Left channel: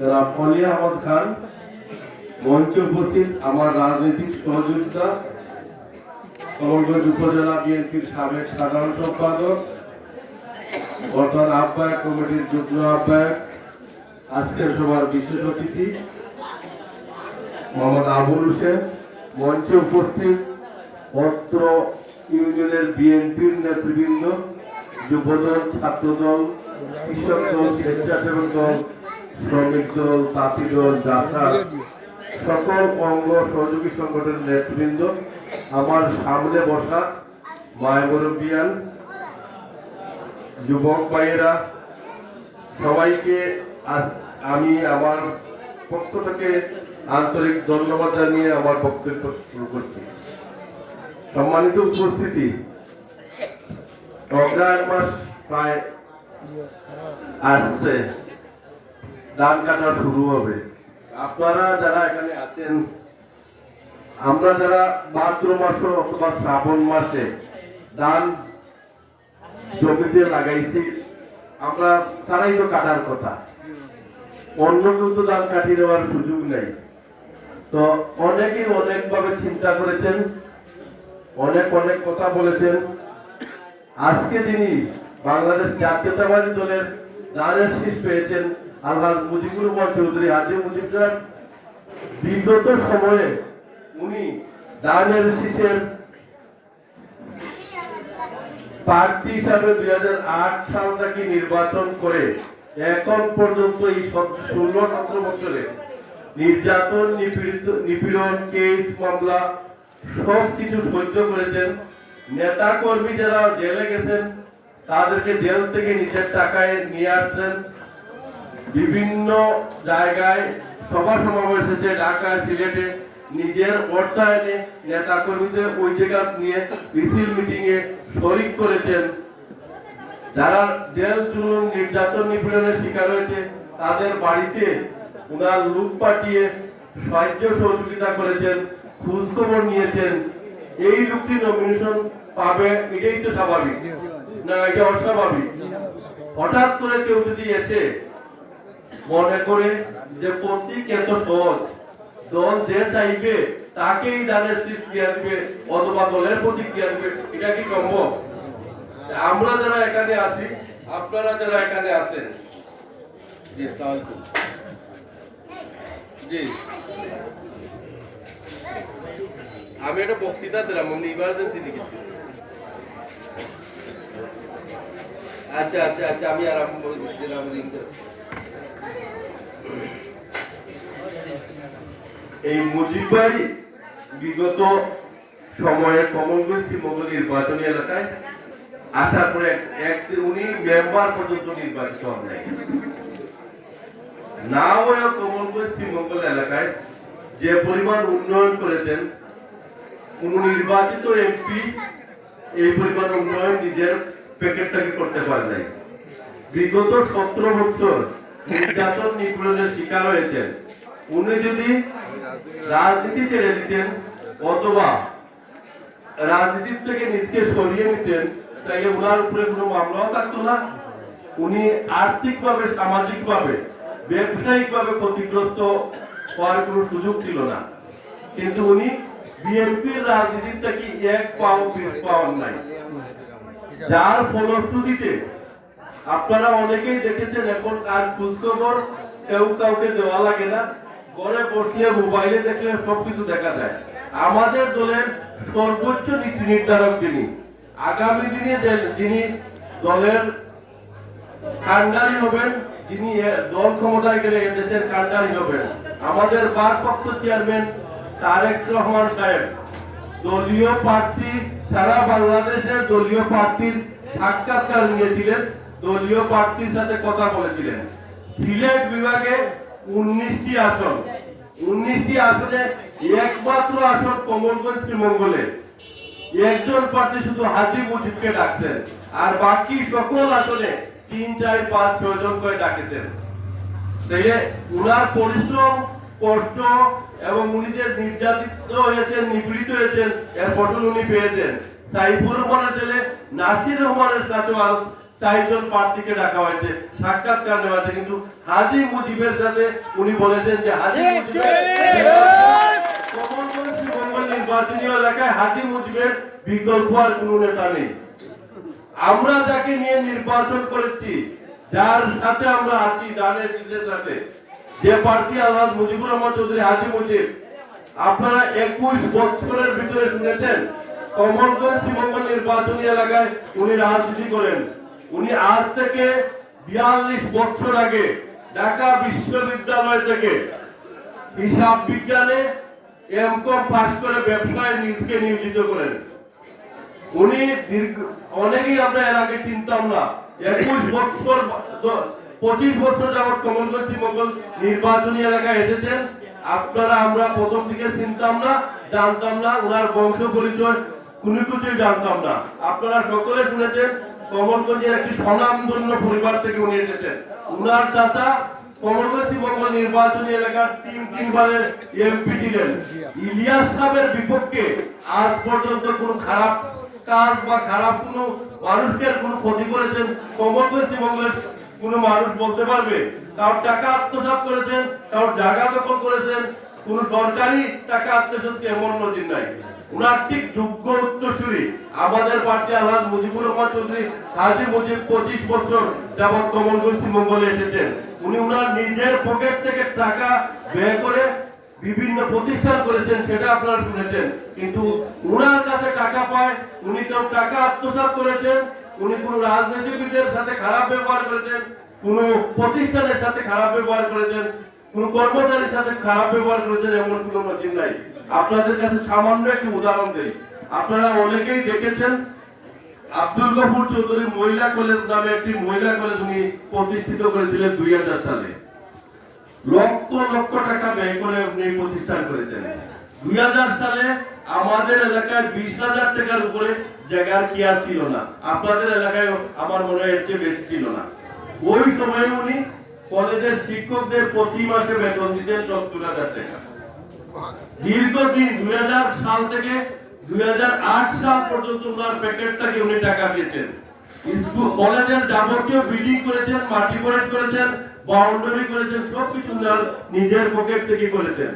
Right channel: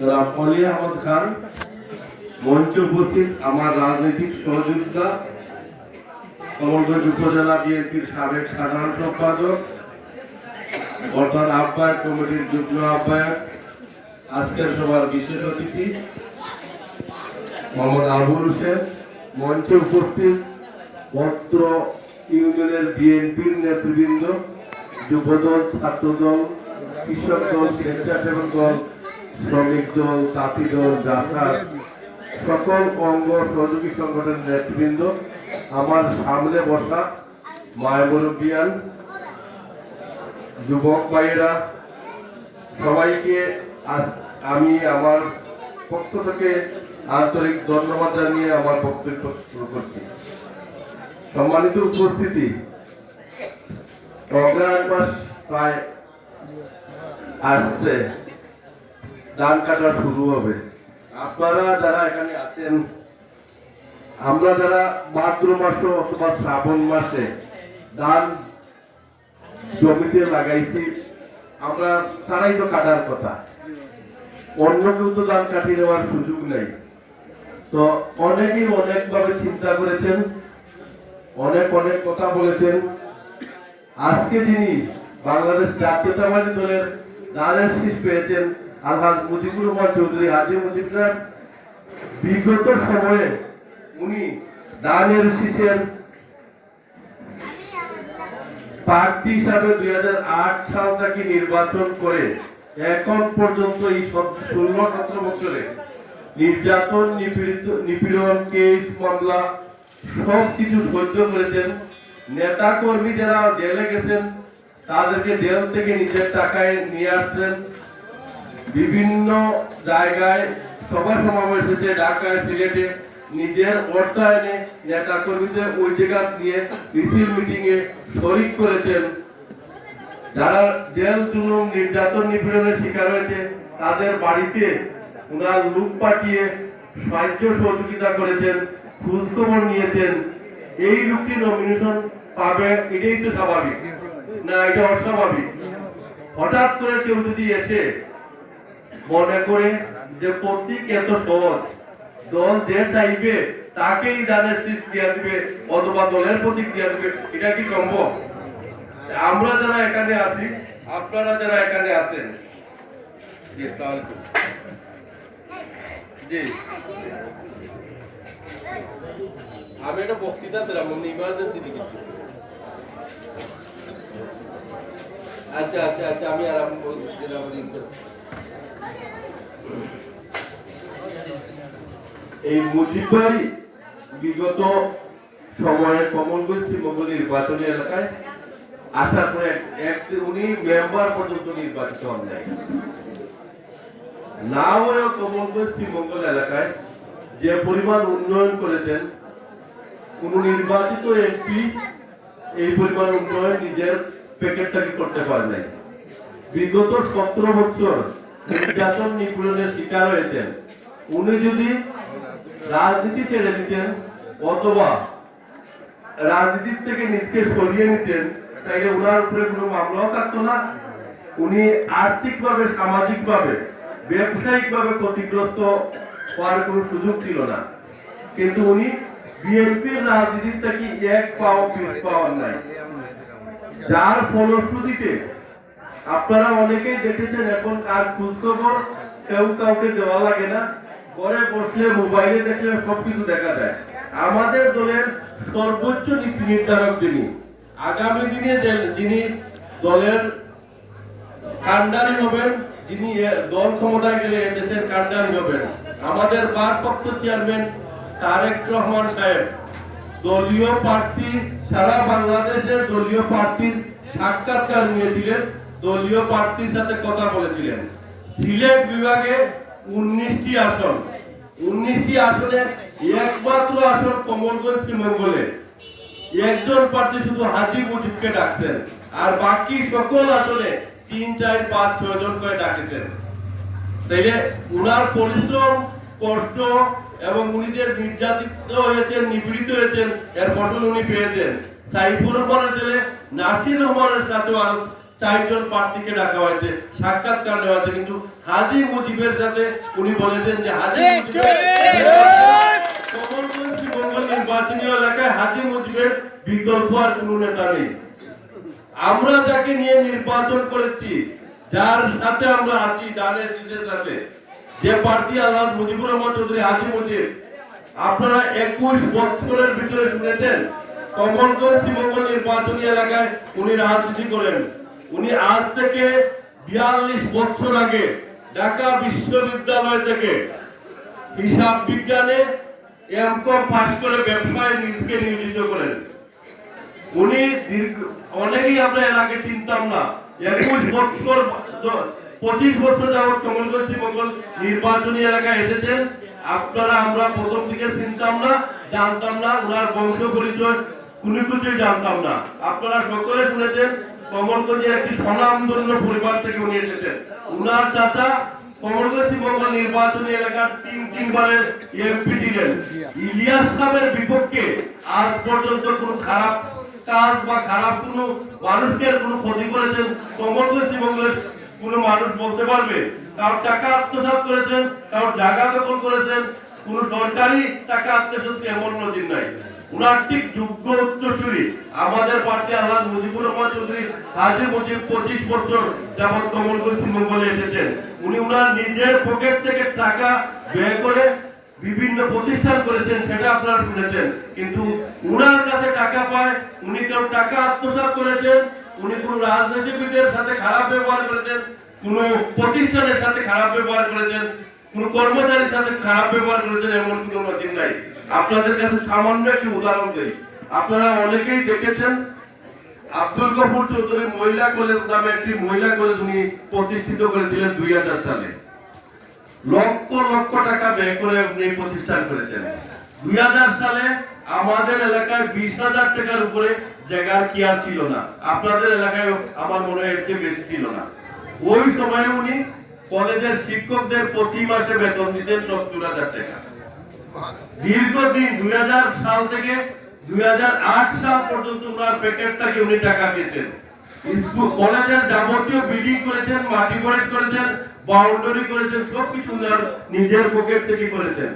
জনাব অলি আহমদ খান, মঞ্চে উপস্থিত আমার রাজনৈতিক সহযোগিতা কমলগঞ্জ উপজেলা বিএনপির সাবেক সাধারণ সম্পাদক, বর্তমান আহ্বায়ক কমিটির যুগ্ম আহ্বায়ক, আজকের সভার বিশেষ অতিথি মোহাম্মদ আবুল হোসেন, মঞ্চে উপস্থিত অত্র ইউনিয়নের বিএনপির নেতৃবৃন্দ, যুবদল, ছাত্রদল, কৃষক দল, স্বেচ্ছাসেবক দল, শ্রমিক দল, তাঁতি দল, জাসার সকল অঙ্গ সহযোগী সংগঠনের নেতৃবৃন্দ, আমার সামনে বসা মায় মুরব্বিয়ান, যুবক ভাইয়েরা, সবাইকে আমি আমার পক্ষ থেকে আন্তরিক ধন্যবাদ জানিয়ে আমার বক্তব্য শুরু করছি। সম্মানিত উপস্থিতি, অগ্রহায়ণ মাস প্রায় আসছে, ধান কাটা শুরু হবে। আপনারা যারা এখানে আছেন, আমরা যারা ভাদ্র মাসে অথবা শ্রাবণ মাসে ধান জমিতে লাগাইছি, আমরা তারাই তো কাটার কথা, অন্য কেউ তো ধান কাটিয়ে নেওয়ার সুযোগ নেই। তো অনেকেই অনেকভাবে চিন্তা করেছেন, অনেক অনেক কথা বলেছেন। আজকে যিনি বাংলাদেশ জাতীয়তাবাদী দলের ধানের শীষ পেয়েছেন, আলহাজ মুজিবুর রহমান চৌধুরী, হাজী মুজিব সাহেব, বিগত সময়ে উনি ধানের শীষের প্রার্থী হিসাবে 2008 সাল থেকে নির্বাচন করে এখন পর্যন্ত এই 16-17 বছরে নির্যাতন, নিপীড়ন, কেস, মামলা সবকিছু সহ্য করেছেন। নেতা কর্মী যারা জেলে গেছেন তাদেরকে জেল থেকে নিজের টাকায় নিয়ে আসছেন। বিভিন্ন জায়গায় সভা সমাবেশ হয়েছে, ঢাকায়, সিলেটে, নিজের অর্থায়নে নেতা কর্মীদের ওই জায়গা নিয়ে মিছিল মিটিং এ শরিক করেছেন। যারা জেল জুলুম, নির্যাতন, নিপীড়নের শিকার হয়েছে তাদের বাড়িতে ওনার লোক পাঠিয়ে সাহায্য সহযোগিতা করেছেন, খোঁজ খবর নিয়েছেন। এই লোকটি নমিনেশন পাবে, এটাই তো স্বাভাবিক না? এটা অস্বাভাবিক। হঠাৎ করে কেউ যদি এসে মনে করে যে প্রতীক এত সহজ, দল যে চাইবে তাকেই দানের শীষ দিয়ে দিবে অথবা দলের প্রতীক দিয়ে দিবে, এটা কি সম্ভব? আমরা যারা এখানে আছি, আপনারা যারা এখানে আছেন, জি আসসালামু আলাইকুম, জি আমি একটা বক্তৃতা দিলাম, আমি ইমার্জেন্সি লিখেছি। আচ্ছা আচ্ছা আচ্ছা, আমি আরম্ভ দিলাম। এই মুজিব ভাই বিগত সময়ে কমলগঞ্জ শ্রীমঙ্গল নির্বাচনী এলাকায় আসার পরে উনি মেম্বার পর্যন্ত নির্বাচিত হন নাই। না হয়ে কমলগঞ্জ শ্রীমঙ্গল এলাকায় যে পরিমাণ উন্নয়ন করেছেন, কোন নির্বাচিত এমপি এই পরিমাণ উন্নয়ন নিজের প্যাকেট থেকে করতে পারে নাই। বিগত 17 বছর নির্যাতন, নিপীড়নের শিকার হয়েছেন। উনি যদি রাজনীতি ছেড়ে দিতেন অথবা রাজনীতির থেকে নিজকে সরিয়ে নিতেন, তাই ওনার উপরে কোনো মামলাও থাকতো না। উনি আর্থিকভাবে, সামাজিকভাবে, ব্যবসায়িকভাবে ক্ষতিগ্রস্ত হওয়ার কোনো সুযোগ ছিল না। কিন্তু উনি বিএনপির রাজনীতির থেকে এক পাও পিছ পাওয়ার নাই, যার ফলশ্রুতিতে আপনারা অনেকেই দেখেছেন এখন আর খোঁজখবর কেউ কাউকে দেওয়া লাগে না। ঘরে বসলে, মোবাইলে দেখলে সবকিছু দেখা যায়। আমাদের দলের সর্বোচ্চ নীতি নির্ধারক যিনি, আগামী দিনে যিনি দলের কান্ডারি হবেন, যিনি দল ক্ষমতায় গেলে দেশের কান্ডারি হবেন, আমাদের ভারপ্রাপ্ত চেয়ারম্যান তারেক রহমান সাহেব দলীয় প্রার্থী, সারা বাংলাদেশের দলীয় প্রার্থীর সাক্ষাৎকার নিয়েছিলেন, দলীয় প্রার্থীর সাথে কথা বলেছিলেন। সিলেট বিভাগে 19টি আসন, 19টি আসনে একমাত্র আসন কমলগঞ্জ শ্রীমঙ্গলে একজন প্রার্থী শুধু হাজী মুজিবকে ডাকছেন, আর বাকি সকল আসনে 3, 4, 5, 6 জন করে ডাকেছেন। তাইলে উনার পরিশ্রম, কষ্ট এবং উনি যে নির্যাতিত হয়েছেন, নিপীড়িত হয়েছেন, এর ফসল উনি পেয়েছেন। সাইফুর রহমানের ছেলে নাসির রহমানের সাথে আরো চারজন প্রার্থীকে ডাকা হয়েছে, সাক্ষাৎকার নেওয়া হয়েছে, কিন্তু হাজী মুজিবের সাথে উনি বলেছেন যে হাজী কমলগঞ্জ শ্রীমঙ্গল নির্বাচনী এলাকায় হাজী মুজিবের বিকল্প আর কোনো নেতা নেই। আমরা যাকে নিয়ে নির্বাচন করেছি, যার সাথে আমরা আছি, দানের শীষের সাথে, যে প্রার্থী আলহাজ মুজিবুর রহমান চৌধুরী হাজী মুজিব, আপনারা 21 বছরের ভিতরে শুনেছেন কমলগঞ্জ শ্রীমঙ্গল নির্বাচনী এলাকায় উনি রাজনীতি করেন। উনি আজ থেকে 42 বছর আগে ঢাকা বিশ্ববিদ্যালয় থেকে হিসাব বিজ্ঞানে এমকম পাশ করে ব্যবসায় নিজেকে নিয়োজিত করেন। উনি অনেকেই আমরা এলাকায় চিনতাম না, 21 বছর 25 বছর যাবৎ কমলগঞ্জ শ্রীমঙ্গল নির্বাচনী এলাকায় এসেছেন। আপনারা আমরা প্রথম দিকে চিনতাম না, জানতাম না, ওনার বংশ পরিচয় কোনো কিছুই জানতাম না। আপনারা সকলে শুনেছেন কমলগঞ্জের একটি স্বনামধন্য পরিবার থেকে উনি এসেছেন। উনার চাচা কমলগঞ্জ শ্রীমঙ্গল নির্বাচনী এলাকার তিনবারের এমপি ছিলেন। ইলিয়াস সাহেবের বিপক্ষে আজ পর্যন্ত কোনো খারাপ কাজ বা খারাপ কোনো মানুষকে কোনো ক্ষতি করেছেন কমলগঞ্জ শ্রীমঙ্গলের কোনো মানুষ বলতে পারবে? কারোর টাকা আত্মসাৎ করেছেন, কারোর জায়গা দখল করেছেন, কোন সরকারি টাকা আত্মসাৎ এমন নজির নাই। উনার ঠিক যোগ্য উত্তরসূরি আমাদের প্রার্থী আলহাজ মুজিবুর রহমান চৌধুরী হাজী মুজিব 25 বছর যাবৎ কমলগঞ্জ শ্রীমঙ্গলে এসেছেন। উনি উনার নিজের পকেট থেকে টাকা ব্যয় করে বিভিন্ন প্রতিষ্ঠান করেছেন, সেটা আপনারা শুনেছেন। কিন্তু উনার কাছে টাকা পায়, উনি কেউ টাকা আত্মসাৎ করেছেন, উনি কোন রাজনীতিবিদের সাথে খারাপ ব্যবহার করেছেন, কোন প্রতিষ্ঠানের সাথে খারাপ ব্যবহার করেছেন, কোন কর্মচারীর সাথে খারাপ ব্যবহার করেছেন এমন কোন নজির নাই। আপনাদের কাছে সামান্য একটি উদাহরণ দেই। আপনারা অনেকেই দেখেছেন আব্দুল গফুর চৌধুরী মহিলা কলেজ নামে একটি মহিলা কলেজ উনি প্রতিষ্ঠিত করেছিলেন 2000 সালে। লক্ষ লক্ষ টাকা ব্যয় করে উনি প্রতিষ্ঠান করেছেন। 2000 সালে আমাদের এলাকায় 20,000 টাকার উপরে জায়গার কি আর ছিল না। আপনাদের এলাকায় আমার মনে হয় এর চেয়ে বেশি ছিল না। ওই সময় উনি কলেজের শিক্ষকদের প্রতি মাসে বেতন দিতেন 70,000 টাকা। দীর্ঘদিন 2000 সাল থেকে 2008 সাল পর্যন্ত ওনার প্যাকেট থেকে উনি টাকা দিয়েছেন। স্কুল কলেজের যাবতীয় বিল্ডিং করেছেন, মাটি ফরেট করেছেন, বাউন্ডারি করেছেন, সবকিছু উনার নিজের পকেট থেকে করেছেন।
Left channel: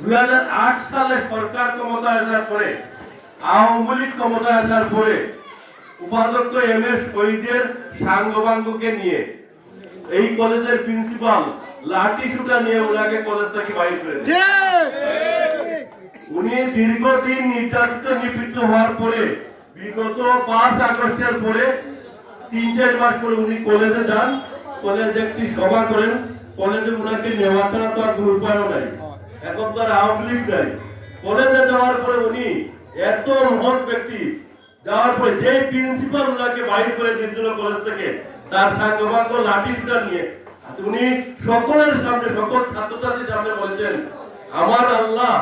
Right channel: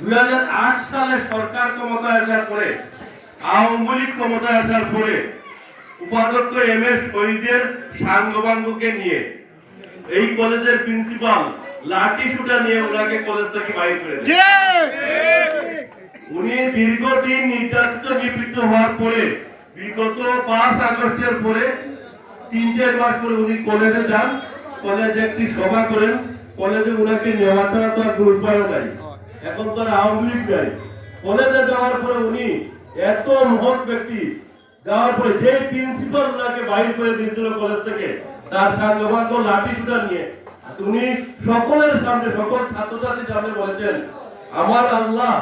2008 সালে সরকার ক্ষমতায় আসার পরে, আওয়ামী লীগ ক্ষমতায় আসার পরে উপাধ্যক্ষ এম এস শহীদের সাঙ্গবাঙ্গকে নিয়ে এই কলেজের প্রিন্সিপাল লাঠি সুটা নিয়ে ওনাকে কলেজ থেকে বাইর করে দেন। উনি দীর্ঘদিন নির্যাতিত নিপীড়িত হওয়ার পরে বিগত 5 আগস্টের পরে 3-4 মাস পরে উনি কলেজে যান, কলেজে একটি সভা করেন। কলেজে উনাকে নেওয়া ছাড়া তো আর কোনো উপায়ও নাই, এখন তো আর আওয়ামী লীগ নাই। কলেজে যাওয়ার পরে উনি এত মহৎ ব্যক্তি, যাওয়ার পরে যে প্রিন্সিপাল উনাকে বাইর করে দিয়েছিল কলেজ থেকে, তার সাঙ্গবাঙ্গ লাঠি সুটা নিয়ে উনি সকলের সামনে, সকল ছাত্রছাত্রীর সামনে বলেছেন, আমার আল্লাহ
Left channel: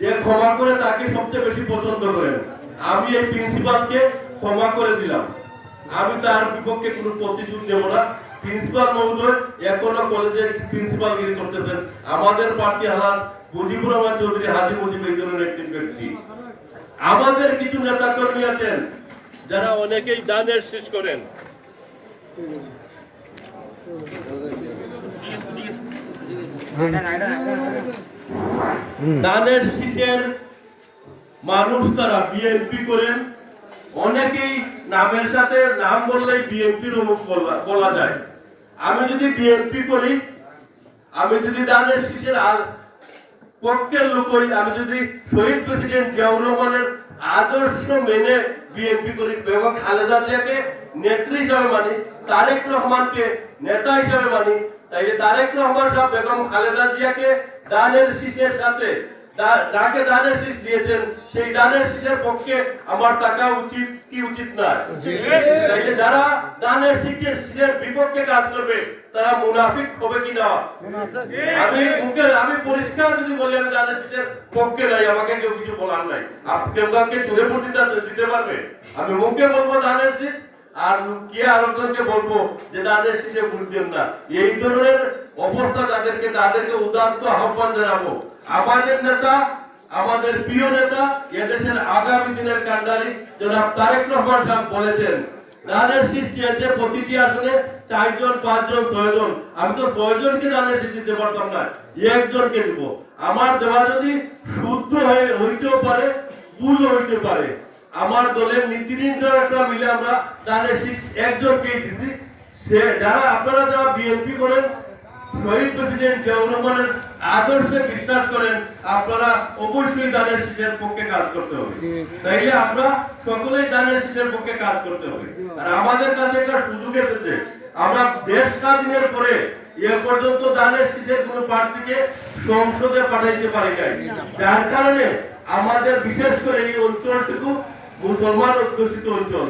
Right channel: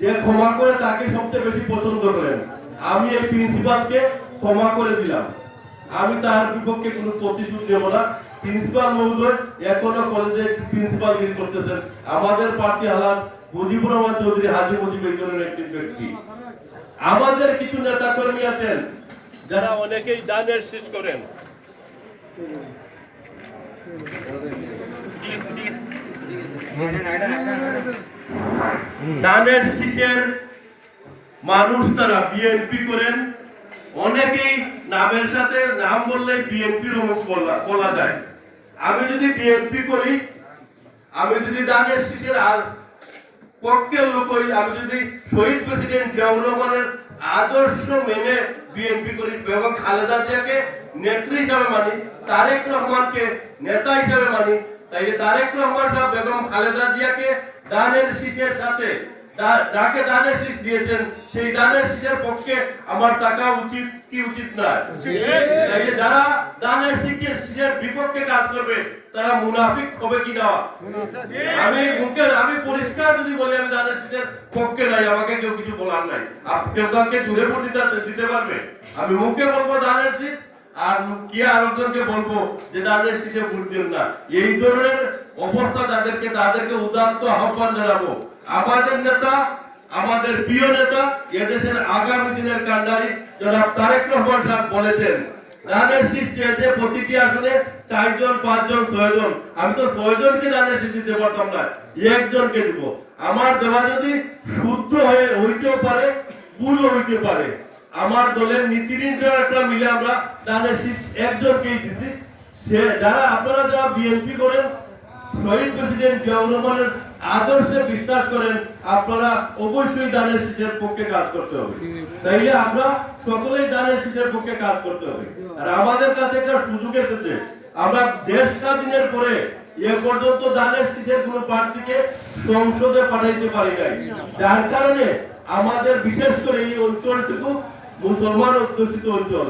যে ক্ষমা করে তাকে সবচেয়ে বেশি পছন্দ করেন। আমি এই প্রিন্সিপালকে ক্ষমা করে দিলাম, আমি তার বিপক্ষে কোনো প্রতিশোধ দেব না। প্রিন্সিপাল মহোদয় এখনো কলেজে প্রিন্সিপাল গিরি করতেছেন। আমাদের প্রার্থী আলহাজ মুজিবুর রহমান চৌধুরী হাজী মুজিব এই ধরনের একটি ব্যক্তি। আমাদের কিছু নেতা কর্মী আছেন যারা অনেকেই দানের শীষ করেন। দানের শীষের মানুষ তারা বিএনপি করেন। অনেকেই নামের সাথে নাম বললে বিএনপির অমুক বলা যায়। আমি যদি বিএনপি করি, আমি যদি দানের শীষের পক্ষের লোক হই, আমি যদি শহীদ প্রেসিডেন্ট জিয়াউর রহমানের আদর্শ মেনে বিএনপি করি, বেগম খালেদা জিয়াকে নেত্রী হিসাবে মানি, তারেক রহমানকে নেতা হিসাবে মানি, তাইলে তারেক রহমান সাহেব বেগম খালেদা জিয়াকে দানের শীষের সাথে যাকে দানের শীষ দিয়েছেন সেই দানের শীষের পক্ষে আমার টাকা উচিত কি উচিত না? তাইলে যারা দানের শীষের বিপক্ষে কাজ করবে তারা মুনাফিক হবে কি না? আমি পরিষ্কার যদি বলি আমি দানের শীষের পক্ষে নাই, আমাকে কেউ কিছু বলার নাই। কেউ কাউকে জুড়ে ভোট দিতে পারবে? আমি মুখে বলবো দানের শীষ, আর কে আরেকজনকে বলবো যে দানের শীষে ভোট দেন না। এই ধরনের অবস্থা তাদেরকে উদাত্ত আহ্বান জানাবো। আমাদের নেতা, আমাদের প্রিয় নেতা, এদেশের আগামী দিনের কান্ডারি জনাব তারেক রহমান সাহেব বলেছেন, দানের শীষ চেয়েছে প্রতিটি আসনে 4 জন 5 জন 6 জন। আমি তো 6 জনকে দানের শীষ দিতে পারতাম না, একজনকে দিব। আমার দেওয়া যদি শুদ্ধ হইতেও পারে, ভুল হইতে পারে। আমার দলের নীতি নির্ধারকরা মিলে আমরা দানের শীষ একজনকেই দিছি। সে যারা আপনারা যারা বিএনপি করেন, শহীদ প্রেসিডেন্ট জিয়াউর রহমানের আদর্শে বিশ্বাস করেন, আপনারা অবশ্যই দানের শীষের পক্ষে কাজ করতে হবে। তাইলে আমরা সকলেই দানের শীষের পক্ষে কাজ করতে হবে। আর আমাদের কাছে একটা সুযোগ এসেছে, আমরা দেশ স্বাধীনের পরে এ পর্যন্ত দানের শীষের কোনো প্রার্থীকে সংসদে পাঠাইতে পারি নাই, যার কারণে আমাদের বিশেষ করে এই অঞ্চলটুকু মুসলমান অধ্যুষিত অঞ্চল।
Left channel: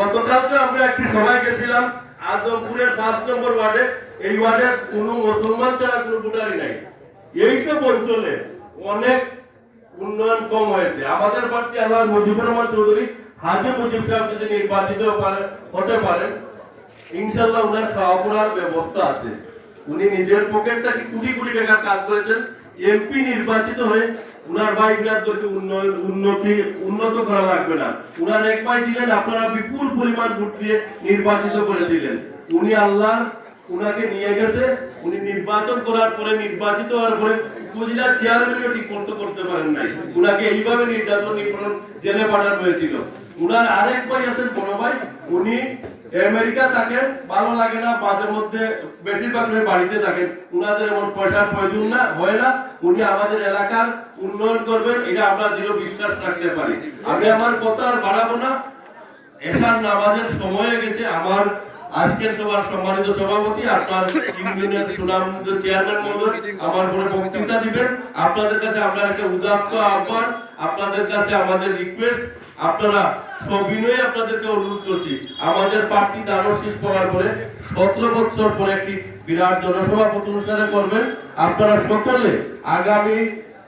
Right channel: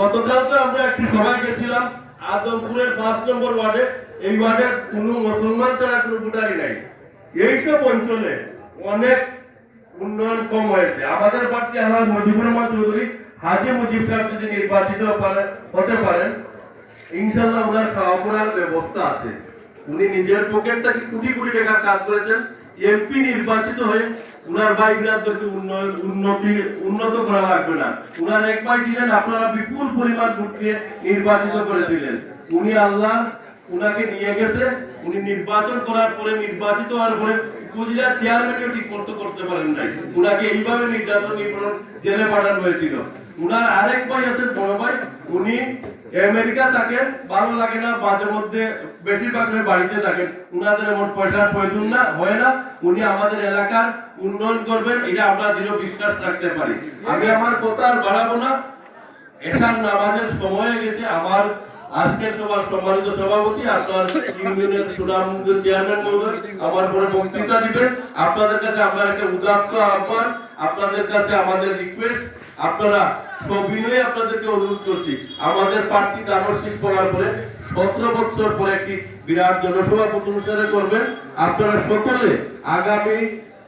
গতকালকে আমরা একটি সভায় গেছিলাম আদমপুরের 5 নম্বর ওয়ার্ডে। এই ওয়ার্ডে কোনো মুসলমান ছাড়া কোনো ভোটারই নাই। এইসব অঞ্চলে অনেক উন্নয়ন কম হয়েছে। আমাদের প্রার্থী আল্লাহ মুজিবুর রহমান চৌধুরী, হাজী মুজিব সাহেব যদি নির্বাচিত হতে পারেন, ইনশাআল্লাহ উনার খাওয়া পড়ার ব্যবস্থা আছে। উনি নিজের পকেট থেকে কোটি কোটি টাকা কাজ করেছেন। এমপি নির্বাচিত হয়ে উনার ভাই বিলাদদেরকে উন্নত করা লাগবে না। উনার এক ভাই ছিলেন, আপনারা বিপুল পরিমাণ ভোট দিয়ে নির্বাচিত করেছিলেন। উনি আল্লাহ উনাকে নিয়ে গেছে। উনি নির্বাচন করার পরে, নির্বাচিত হওয়ার পরে উপজেলা চেয়ারম্যানও ঠিক করতে পারেন নাই। উনাকে এইভাবে নির্যাতন নিপীড়ন জেলে পাঠানো হয়েছিল। উনার আরেক ভাই আছেন, বড় ভাই, উনি আমেরিকা থাকেন, ভালো লাগে না, মাঝে মধ্যে বেশিরভাগ বাড়িতে থাকেন। উনাদের এমন পয়সার প্রয়োজন না হয় না। উনি আমাদের এলাকার উন্নয়ন করবেন, এটা আমরা দৃঢ় বিশ্বাস রাখতে পারি। আমি আমার কথা আর বাড়াবো না, এশার নামাজের সময় হয়ে গেছে। আমার আজকের সভার সম্মানিত সভাপতি, আপনার ইউনিয়নের সুনামধন্য চেয়ারম্যান মহোদয় আমার পরে বক্তৃতা দিবেন। আপনাদের কাছে আমরা একটা উদাত্ত আহ্বান, আপনাদের কাছে আমাদের রিকোয়েস্ট, আপনারা সবিনয়ে আপনাদেরকে অনুরোধ করছি, আমাদের প্রার্থী দানের শীষ পাওয়ার পরে 17 বছর পরে একটি বিরাট জনসভা অনুষ্ঠানে করবেন। আপনারা সকলে আগামী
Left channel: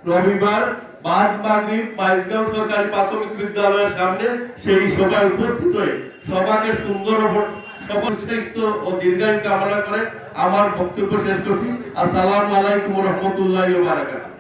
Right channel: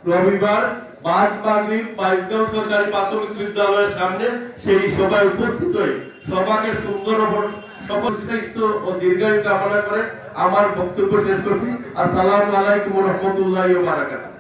রবিবার বাদ মাগরিব বাইশগাঁও সরকারি প্রাথমিক বিদ্যালয়ের সামনে সেই সভায় উপস্থিত হয়ে সভাকে সুন্দর সর্বশ্রেষ্ঠ ও দীর্ঘায়ু কামনা করে আমার বক্তব্য শেষ করছি। আসসালামু আলাইকুম ওয়া রাহমাতুল্লাহি ওয়া বারাকাতুহু।